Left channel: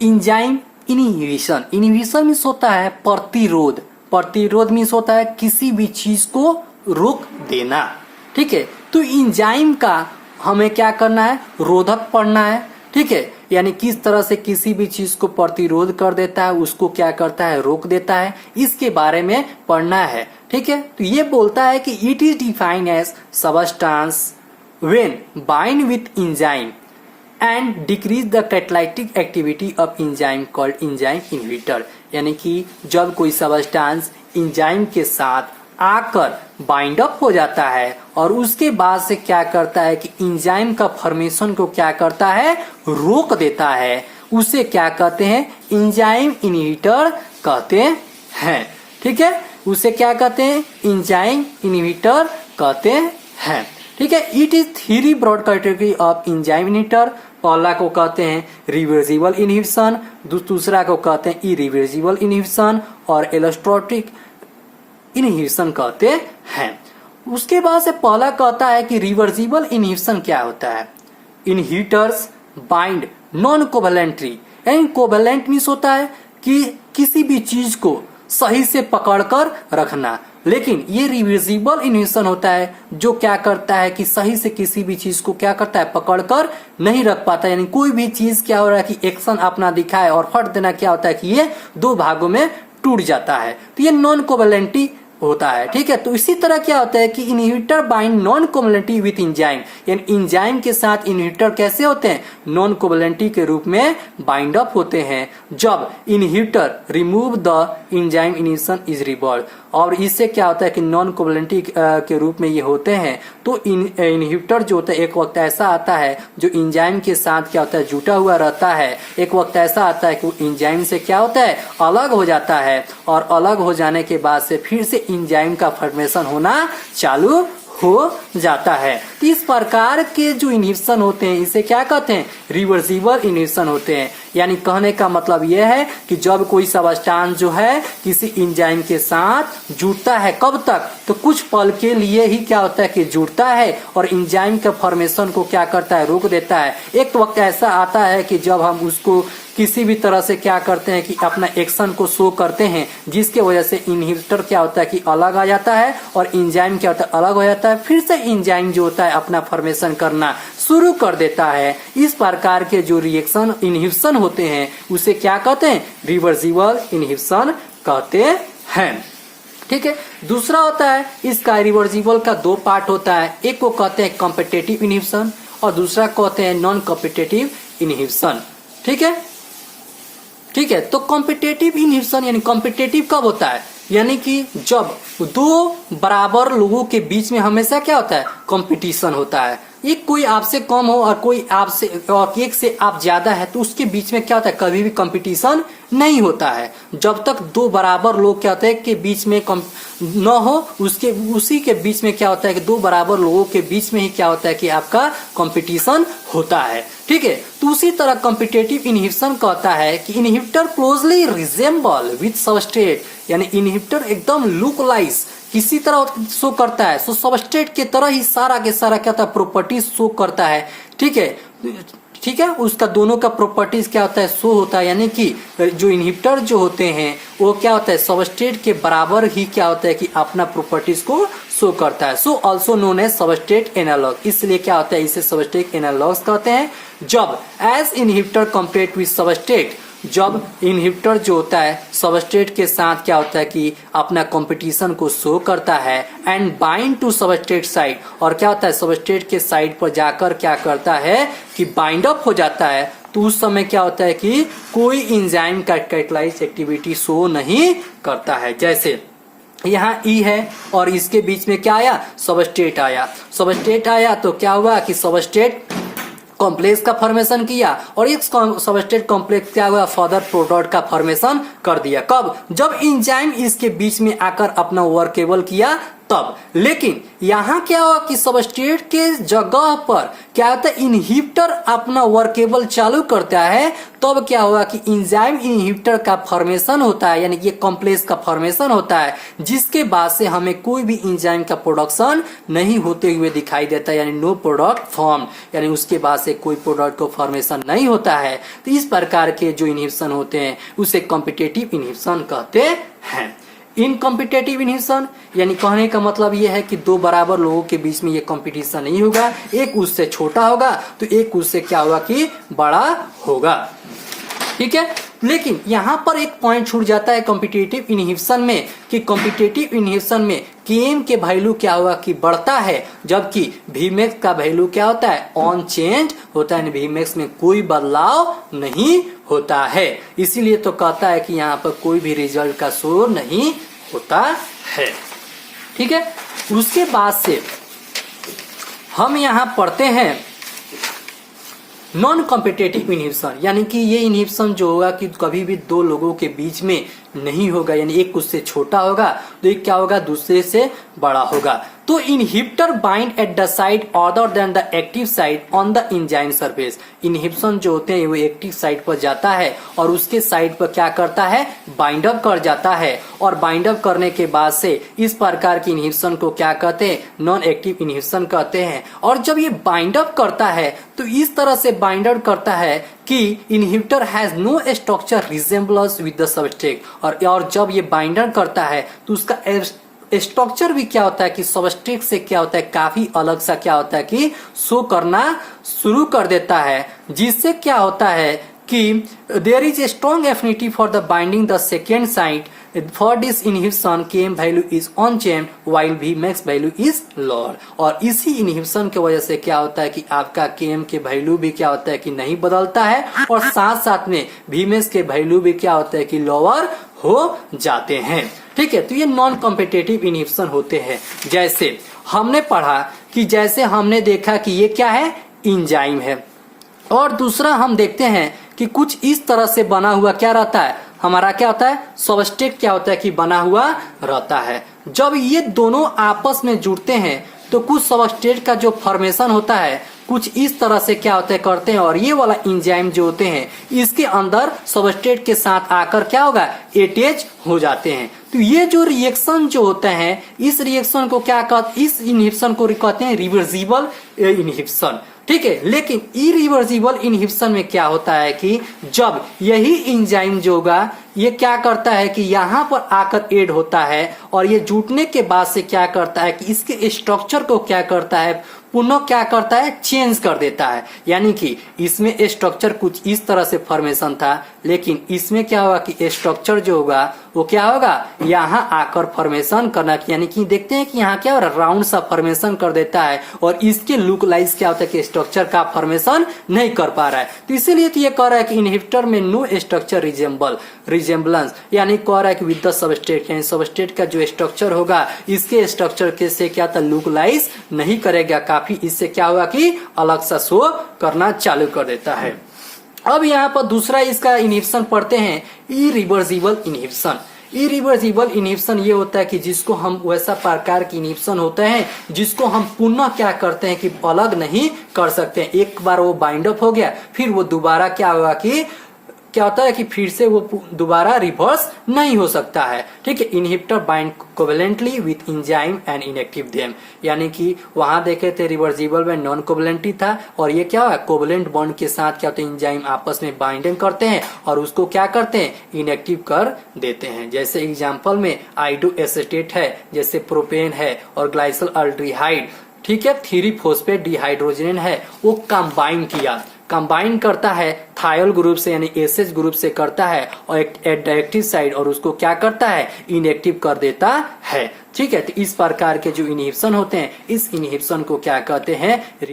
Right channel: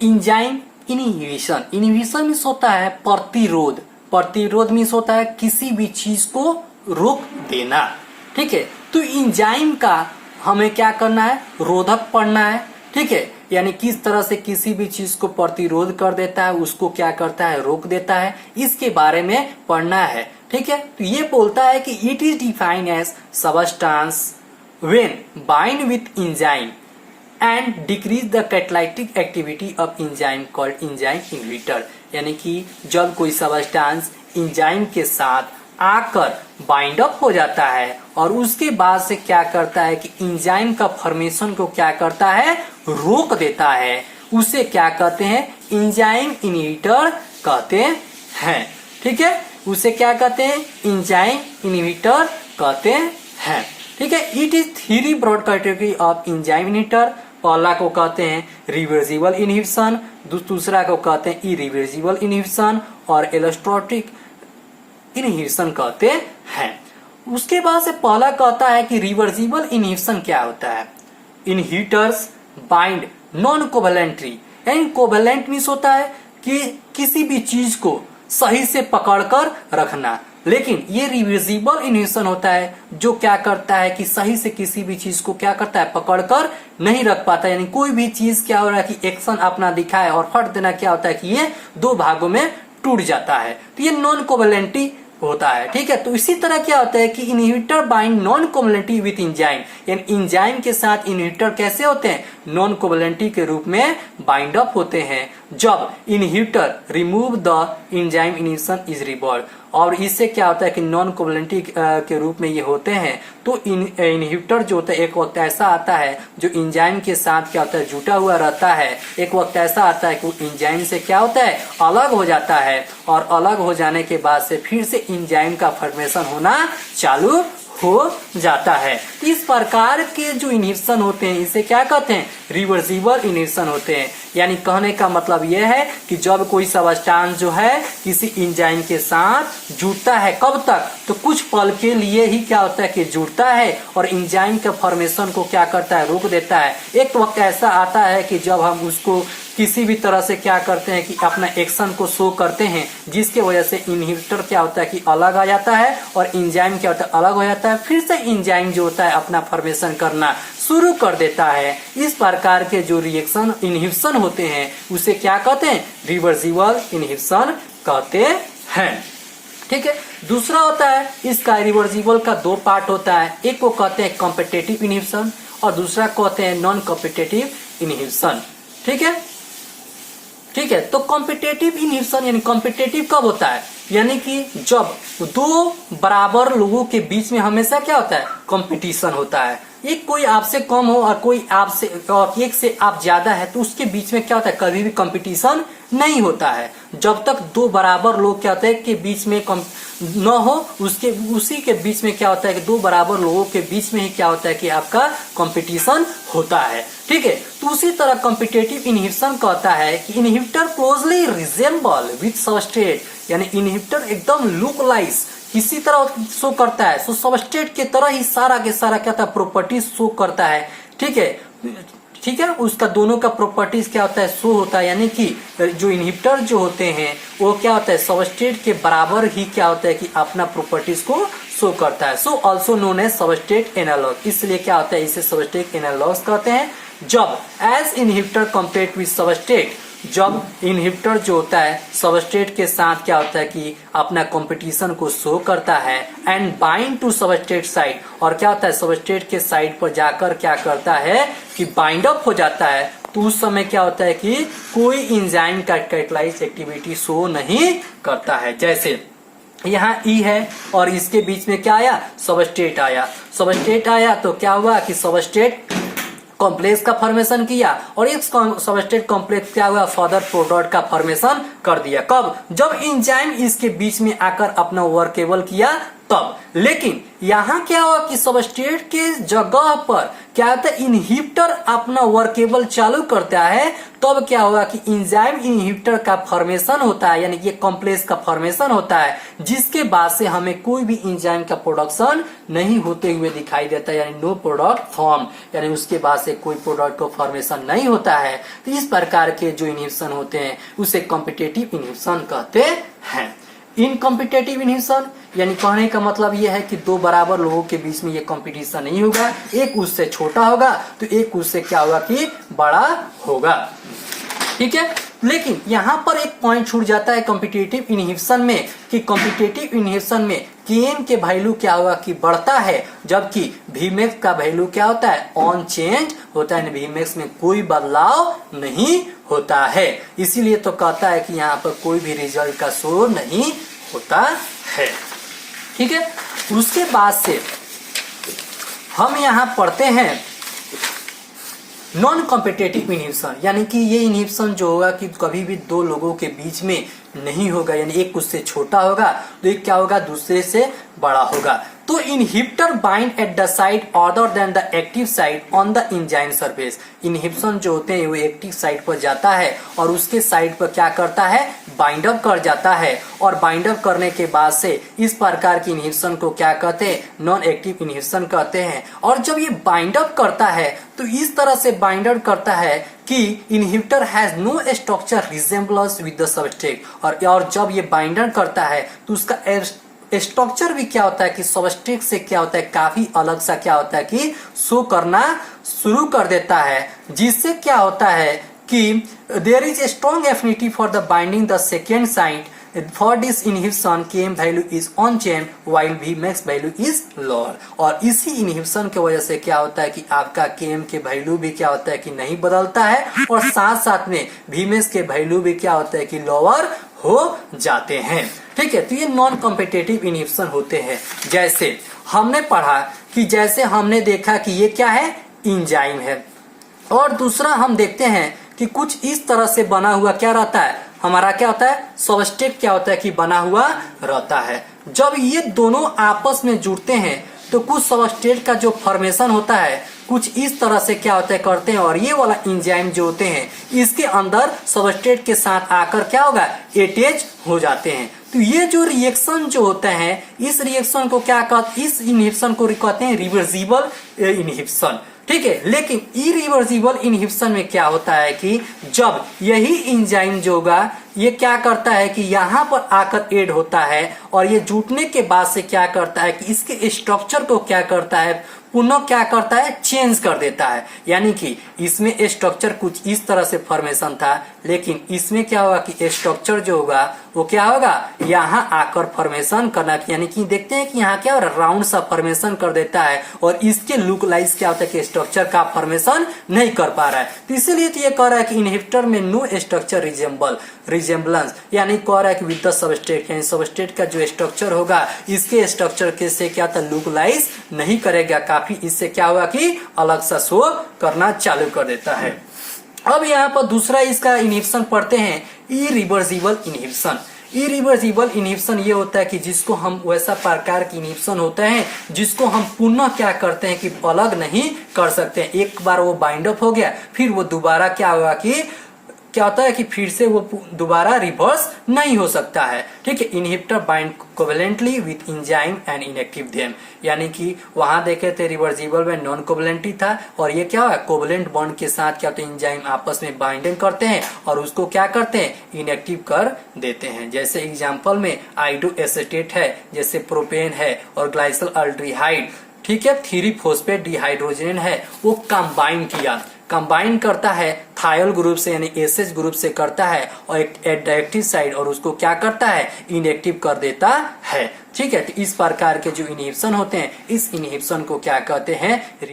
Enzyme inhibition, inhibition means होता है प्रतिरोध, प्रतिरोध मीन्स होता है किसी भी चीज को रोक देना। ठीक है, तो इंजाइम का हमें क्या करना है, रोधक पढ़ना है। ठीक है, यानी किस तरह से किसी भी चीज को प्रतिरोध कर देता है, उसको क्या करता है, रोक देता है, इसके बारे में पढ़ना है। ठीक है, तो ये बोलता है कि it is defined as substance when bind with enzyme and decrease the catalytic activity of enzyme called enzyme inhibitor. यानी कि जब कोई सबस्टांस एंजाइम के साथ आकर बाइंड अप हो जाता है और उसके बाद से क्या करता है कि एंजाइम का फॉर्मेशन को क्या करता है, रोक देता है, उसे क्या कहते हैं, एंजाइम इनहिबिटर कहते हैं। ठीक है, उसे क्या कहते हैं, एंजाइम इनहिबिटर कहते हैं। ठीक है, it is three broad category of enzyme inhibitor. पहला को कहते हैं रिवर्सिबल इनहिबिशन, दूसरा को कहते हैं इरिवर्सिबल इनहिबिशन और एलोस्टोटिक इनहिबिशन कहते हैं। उसके बाद से पहला कहता है कि रिवर्सिबल इनहिबिशन क्या होता है, इनहिबिटर्स बाइंड नॉन कोवेलेंटली, यानी कोवेलेंट मीन्स होता है कि किसी भी चीज को सही से पकड़कर रखना, लेकिन ये रिवर्सिबल इनहिबिशन होता है जो क्या करता है कि सही से किसी भी चीज को क्या करता है, पकड़कर नहीं रख पाता। यानी कोई भी चीज क्या हो रहा है कि एक्शन अपना दिखाए और फट देना क्या होता है कि ये दो भागों में टूट जाता है, तो ये नॉन कोवेलेंटी होता है। ठीक है, तो इसी तरह क्या होता है कि inhibitor bind non covalently with enzyme, यानी एंजाइम के साथ इनहिबिटर कैसे होते हैं, नॉन कोवेलेंटी के रूप में बाइंड अप होते हैं जब inhibitor remove the enzyme inhibition is reverse. और इससे क्या होता है कि नॉन कोवेलेंटी के रूप में ये होते हैं। तो इनहिबिटर जो होता है एक वक्त ऐसा आता है जो एंजाइम के साथ क्या होता है, जुटा हुआ रहता है, एक वक्त ऐसा आता है कि एंजाइम से क्या होता है, अलग हो जाता है, और अलग हो जाने के बाद से फिर से एंजाइम का फॉर्मेशन होना चालू हो जाता है। इस प्रकार के जो इनहिबिशन होते हैं इसे क्या कहते हैं, रिवर्सिबल इनहिबिशन होते हैं। यानी कहने का मतलब यह है कि जब कोई सबस्टांस जो है किसी एंजाइम के साथ जुड़ता है, कब तक, तो कुछ पल के लिए ही क्या होता है कि जुड़ता है और एंजाइम के फॉर्मेशन को क्या करता है, रोक देता है। एक वक्त ऐसा आता है कि जब हम उसको किसी भी तरह से क्या करते हैं कि अपना एक्शन को शो करते हैं, जिसके वजह से इनहिबिटर क्या होता है कि अलग आ जाता है और एंजाइम क्या होता है, अलग हो जाता है, फिर से एंजाइम जो होता है अपना फॉर्मेशन करना शुरू कर देता है। इस प्रकार के जो रिएक्शन इनहिबिशन होते हैं उसे क्या कहते हैं, रिवर्सिबल इनहिबिशन कहते हैं। ठीक है, दूसरा होता है इसका रिवर्सिबल का दो पार्ट होता है, एक को कहते हैं कॉम्पिटिटिव इनहिबिशन और दूसरा कहते हैं नॉन कॉम्पिटिटिव इनहिबिशन। ठीक है, ठीक है, तो कॉम्पिटिटिव इनहिबिशन यानी कॉम्पिटिटिव कब होता है, यानी कि जब दो बराबर लोगों के बीच में हमेशा क्या होता है, कंपटीशन होता है। एक कोई आपसे कम हो और कोई आपसे एक से आप ज्यादा है, तो उसके बीच में क्या होता है, कभी भी कंपटीशन नहीं होता है। जब तक दो बराबर लोग क्या होते हैं के बीच में न हो, उसी के बीच में क्या होता है कि दो बराबर लोगों के बीच में ही क्या होता है कि आपका कंपटीशन होता है। ठीक है, तो उसी तरह कॉम्पिटिटिव इनहिबिशन कहता है कि inhibitor closely resemble with substrate, यानी इनहिबिटर एकदम लुकलाइज किसी तरह शो करता है, सो सबस्ट्रेट के तरह ही सारा के सारा क्या होता है, प्रॉपर्टीज शो करता है। ठीक है, ठीक है, उसका दोनों का प्रॉपर्टीज क्या होता है, शो होता है। यानी कि जो इनहिबिटर जो होते हैं वो क्या होता है, सबस्ट्रेट के बराबर ही क्या होता है कि अपना प्रॉपर्टीज को शो करता है। So also known as substrate analog, इसलिए क्या होता है, इसे सबस्ट्रेट एनालॉग कहते हैं। जब as inhibitor compare with substrate, जब इनहिबिटर जो होता है सबस्ट्रेट के साथ क्या होता है कि अपना कंपटीशन को शो करता है and bind to substrate side, और क्या होता है सबस्ट्रेट के साइड पर जाकर क्या करता है कि बाइंड अप हो जाता है, तो उस समय क्या होता है कि कोई एंजाइम का कैटालाइज एक्टिविटी शो नहीं करता है। जैसे यहाँ ई है और इसके बीच में क्या आया, सबस्ट्रेट आया, सबस्ट्रेट आया तो क्या हुआ कि सबस्ट्रेट कॉम्प्लेक्स का फॉर्मेशन किया और एक सबस्ट्रेट कॉम्प्लेक्स क्या हुआ, फर्दर प्रोडक्ट का फॉर्मेशन कर दिया। कब, जब एंजाइम इसके बीच में आकर अपना वर्केबल किया तब। लेकिन यहाँ क्या हुआ कि सबस्ट्रेट के जगह पर क्या होता है, इनहिबिटर अपना वर्केबल चालू करता है, तब क्या हुआ कि एंजाइम इनहिबिटर का फॉर्मेशन होता है, यानी कि कॉम्प्लेक्स का फॉर्मेशन होता है, जिसके बाद से हमें कोई भी एंजाइम का प्रोडक्शन नहीं होते हुए दिखाई देता है, यानी नो प्रोडक्ट फॉर्म, यानी उसके बाद से कोई प्रोडक्ट को फॉर्मेशन नहीं होता है। तो इस प्रकार के जो इनहिबिशन होते हैं उसे कॉम्पिटिटिव इनहिबिशन कहते हैं। इनकॉम्पिटिटिव इनहिबिशन यानी कहने का मतलब यह है कि दो बराबर लोगों के बीच में ये कंपटीशन नहीं होगा, एक उससे छोटा होगा तो एक उससे क्या होगा कि बड़ा होगा, ठीक है। लेकिन यहाँ पर एक पॉइंट छूट जाता है कॉम्पिटिटिव इनहिबिशन में, कि कॉम्पिटिटिव इनहिबिशन में Km के वैल्यू क्या होगा कि बढ़ता है, जबकि Vmax का वैल्यू क्या होता है, ऑन चेंज होता है, Vmax में कोई बदलाव नहीं होता है। इसीलिए तो कहता है कि यहाँ पर कोई भी रिजल्ट का शो नहीं होता है, ठीक है। उसके बाद से हम यहाँ पढ़ते हैं नॉन कॉम्पिटिटिव इनहिबिशन, यानी कि ये इनहिबिशन जो होगा कि कभी भी दो लोगों के बीच में नहीं होगा, यानी एक उससे छोटा होगा तो एक क्या होगा दूसरे से बड़ा होगा। तो inhibitor bind at the side other than the active side on the enzyme surface. Inhibition जो होते हैं वो एक्टिव साइड पर जाता है और उसके साइड पर क्या करता है, बाइंड अप कर जाता है, और बाइंड अप करने के बाद से इस प्रकार की इनहिबिशन को क्या कहते हैं, नॉन एक्टिव इनहिबिशन कहते हैं। और जब ये बाइंड अप करता है तो इस तरह से बाइंड अप करता है कि inhibitor has no structure resemblance with the substrate, और जब ये बाइंडर करता है तो उसका स्ट्रक्चर भी क्या होता है कि सबस्ट्रेट से क्या होता है काफी अलग सा क्या होता है कि शो करना शुरू कर देता है, जिससे क्या होता है कि there is a strong affinity for the binding the second side. For this inhibition Km value is unchanged while Vmax value is lower. और इसी इनहिबिशन की वजह से क्या होता है कि आपका Km के वैल्यू भी क्या होता है कि नहीं बदलता है, और साथ साथ में Vmax के वैल्यू भी क्या होता है कि लोअर हो जाते हैं, ठीक है। तो ये नॉन कॉम्पिटिटिव इनहिबिशन होते हैं। जैसे हमने पढ़ा कि जैसे हमने देखा कि ये क्या है, एंजाइम है, और दूसरा हम देखते हैं कि कुछ इस तरह से बना हुआ क्या रहता है, हमारा क्या होता है, सबस्ट्रेट क्या होता है कि बना हुआ रहता है। जब ये दोनों आपस में जुड़ते हैं तो कुछ सबस्ट्रेट का जो फॉर्मेशन होता है कुछ इस तरह से क्या होता है करते हैं, और ये वाला एंजाइम जो होते हैं इसके अंदर सबस्ट्रेट के साथ आकर क्या होगा, अटैच हो जाते हैं। तो ये जो रिएक्शन जो होते हैं इस रिएक्शन को क्या कहते, इस इनहिबिशन को कहते हैं रिवर्सिबल इनहिबिशन, ठीक है। लेकिन इरिवर्सिबल इनहिबिशन में क्या होता है कि जब यही एंजाइम जो होगा ये क्या करता है कि यहाँ पर आकर ऐड होता है, और ये जुटने के बाद से क्या करता है कि इसके स्ट्रक्चर को क्या करता है, पुनः क्या करता है, चेंज कर देता है। यानी कि इसमें स्ट्रक्चर कुछ इस तरह से फॉर्मेशन था, लेकिन इसमें क्या होगा कि स्ट्रक्चर जो होगा वो क्या होगा, यहाँ आकर फॉर्मेशन करना, यानी कि देखते हैं कि यहाँ क्या हो रहा है, राउंड सा फॉर्मेशन कर देता है, और इसके लुकलाइज क्या होता है कि स्ट्रक्चर का फॉर्मेशन नहीं कर पा रहा है। तो इसीलिए तो ये कह रहा है कि इनहिबिटर में नो स्ट्रक्चर रिजेम्बलेंस, यानी कह रहा है कि विद द सबस्ट्रेट, यानी सबस्ट्रेट का जो स्ट्रक्चर होगा इसके स्ट्रक्चर के से क्या था, लुकलाइज नहीं करेगा, काफी इससे क्या हुआ कि अलग सा शो करना चालू कर देता है। अब यहाँ पर दूसरा इसका इनहिबिशन पढ़ते हैं, इरिवर्सिबल इनहिबिशन। इरिवर्सिबल इनहिबिशन ये होता है कि जिसको हम वैसा प्रकार की इनहिबिशन होते हैं जिसको हम पुनः क्या करते हैं कि अलग नहीं कर सकते हैं। एक बार वो बाइंड अप हो गया फिर वो दोबारा क्या होगा कि क्या होता है कि फिर से वो दोबारा रिवर्स नहीं हो सकता है, ठीक है। Inhibitor bind covalently with enzyme and inactive them, यानी कि वहां देखे थे रिवर्सिबल में नॉन कोवेलेंटी था, और ये क्या है कोवेलेंट बॉन्ड के साथ क्या होता है एंजाइम आपस में बाइंडिंग करते हैं और उसको क्या करते हैं, इनएक्टिव कर देते हैं। जैसे एग्जाम्पल में आइडो एसेटेट है, जैसे प्रोपेन है और ग्लाइसिल अल्डिहाइड, ठीक है, 3-फॉस्फेट डिहाइड्रोजन है, वो कंबाइन करता है थायोल ग्रुप से, यानी एसएच ग्रुप से करता है, और एट एक्टिव साइड और उसको क्या करता है, इनएक्टिव कर देता है, ठीक है। तो इस प्रकार के जो इनहिबिशन होते हैं इस इनहिबिशन को क्या कहते हैं,